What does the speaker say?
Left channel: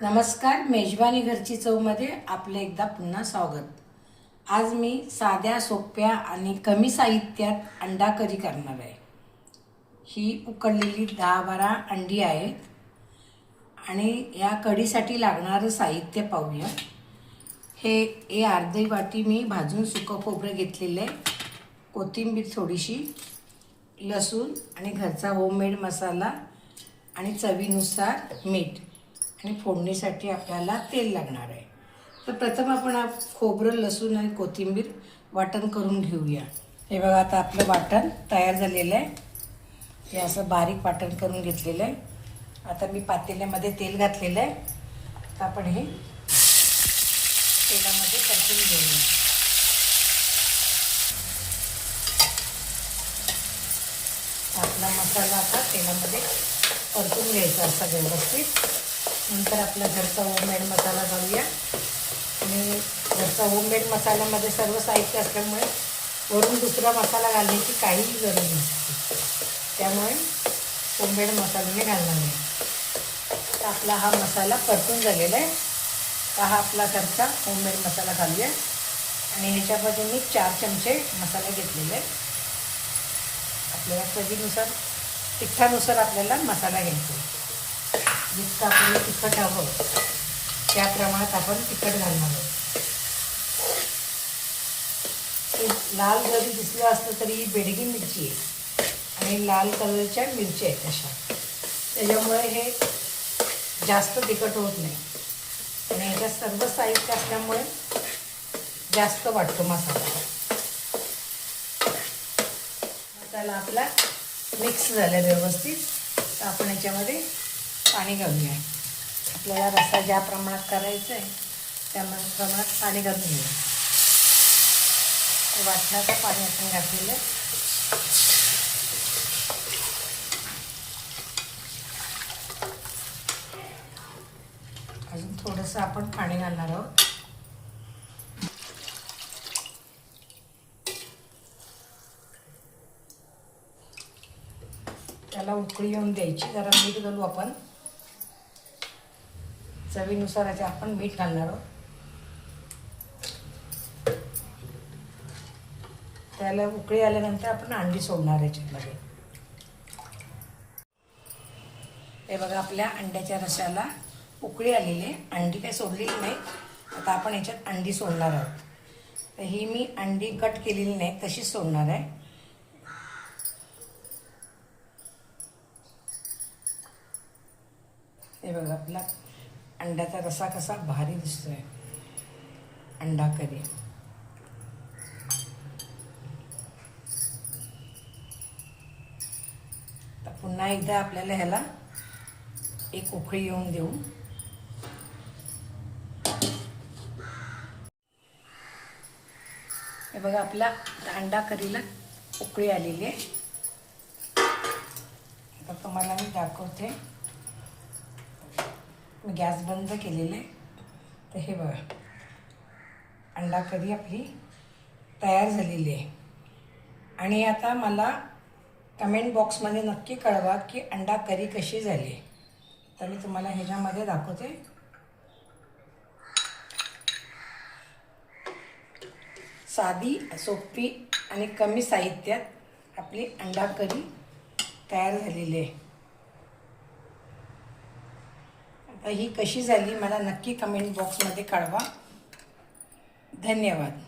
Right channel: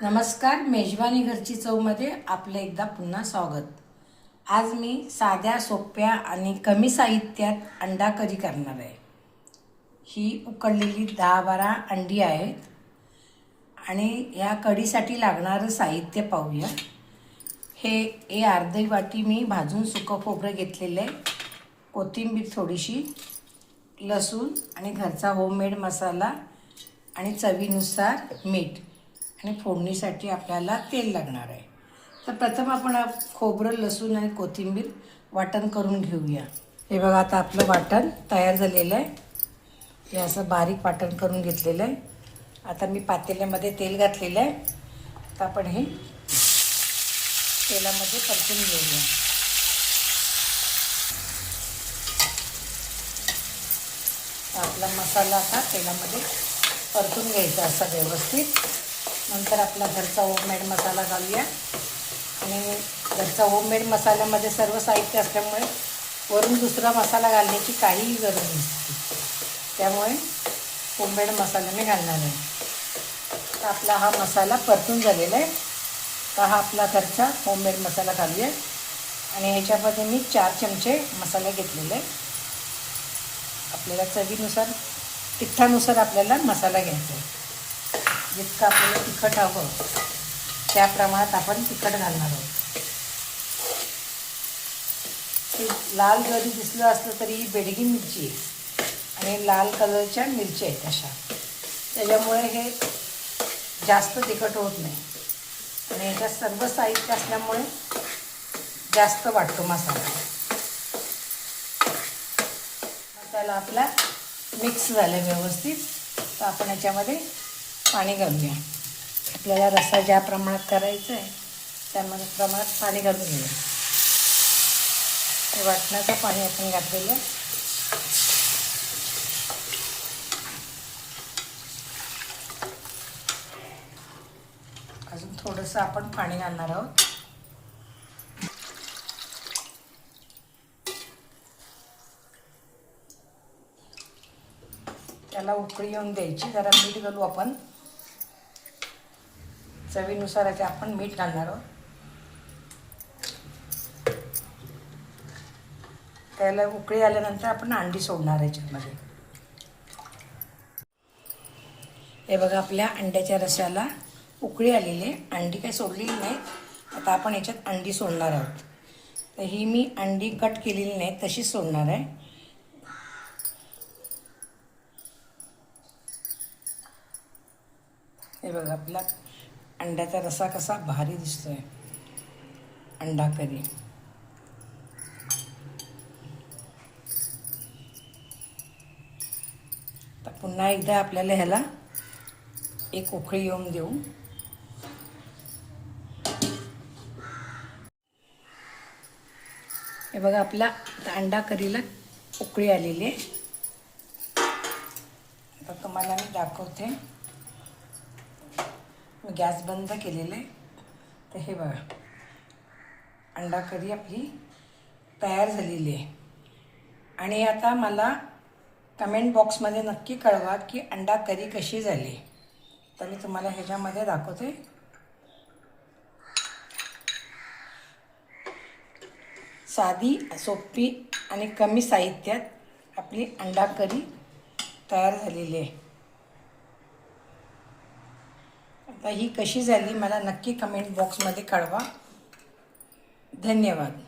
नमस्कार, मेजवानी घरची चवमध्ये आपलं एकदा पुन्हा स्वागत. आज मी साध्या, सोप्या आणि कमी साहित्यात अंडा करी करणार आहे. ही उकडलेली 10-12 अंडी आहेत आणि या कढीसाठी लागणारं साहित्य पाहूया. हे अर्धी वाटी मी भाजून सुकं खोबरं घेतलेलं आहे, कोथिंबीर थोडीशी, लसूण आणि घरचा होममेड मसाला आणि चवीनुसार मीठ आणि फोडणीसाठी आपल्याला तेल लागणार आहे. तर प्रथम आपण खोबरं, लसूण आणि कोथिंबीर वाटण करून घेऊया. हे बघा, आता आपलं वाटण तयार झालेलं आहे. हे असं बारीक वाटण करून घेतलेलं आहे. आता मी पातेल्यामध्ये तेल घातलेलं आहे. आता आपण हे तेलामध्ये परतून घेऊया. आपला मसाला आता तेलामध्ये परतून घ्यायचा असा व्यवस्थित. नंतर आपला घरचा होममेड मसाला घालूया. आणि घरचा होममेड मसाल्यामध्ये सर्व साहित्य असल्यामुळे वरून दुसरा मसाला घालण्याची काहीही गरज नसते. त्यामुळे होममेड मसाला मी घालणार आहे. तर आपला हा मसाला परतून झालेला आहे. तर हा आपला घरचा होममेड मसाला घालूया. आणि ह्याच्यामध्ये मी 4 चमचे मसाला घेतलेला आहे. आपल्याला चवीनुसार, तिखटानुसार आपल्याला मसाला घ्यायचा आहे. जितकं आपल्याला तिखट हवं त्या प्रमाणात आपण तिखट घालणार आहोत. लाल जरी दिसलं असलं तरी ही बेडगी मिरची आहे आणि लाल कलरच्या मिरच्या आहेत अशा. त्याच्यामुळे हे जास्त तिखट होत नाही आणि ह्याच्यात सर्व साहित्य असल्यामुळे जास्त वाटतो मसाला. मसाला आपला मिक्स झाला व्यवस्थित. तर आपण याच्यामध्ये पाणी घालूया. आपल्याला रस्सा ज्या प्रमाणात करायचा आहे त्या प्रमाणात पाणी घालून घेऊया. वाटणाचं पाणी आपण घातलेलं आहे. अजून थोडंसं आपण पाणी घालणार आहोत. त्याला उकळी येऊन द्यायची. जरा मीठ घालू आपण. चवीनुसार आपण मीठ घालणार आहोत. त्याला उकळी आल्यानंतर आपण अंडी सोडणार याच्यामध्ये. हे बघा, आपल्या अंड्याच्या रश्याला उकळी आलेली आहे. अंडी काही सोडलेली नाही. आता आपण याच्यात अंडी सोडणार आहोत. तर ही मी अंडी कट केलेली नाही, तशीच सोडणार आहे. हे बघा, आपला अंड्याचा रस्सा कसा भारी दिसतोय. अंडा करी. तर पुन्हा एकदा आपल्याला ह्याला एक उकळी येऊन देऊ. हे बघा, आपला अंडा करीला उकळी आलेली आहे. आता तुम्हाला मी दाखवते. मी गॅस बंद केलेला आहे. तर हे बघा, अंडा करी आपली तयार झालेली आहे. आणि आता मला कमेंट बॉक्समध्ये नक्की कळवा की अंडा करी कशी झाली. तर मी तुम्हाला ह्याच्यामध्ये दाखवते. साधी, सोपी आणि कमी साहित्यात आपली अंडा करी तयार झालेली आहे. आता ही कशी झाली मला नक्की कमेंट बॉक्समध्ये कळवा. धन्यवाद.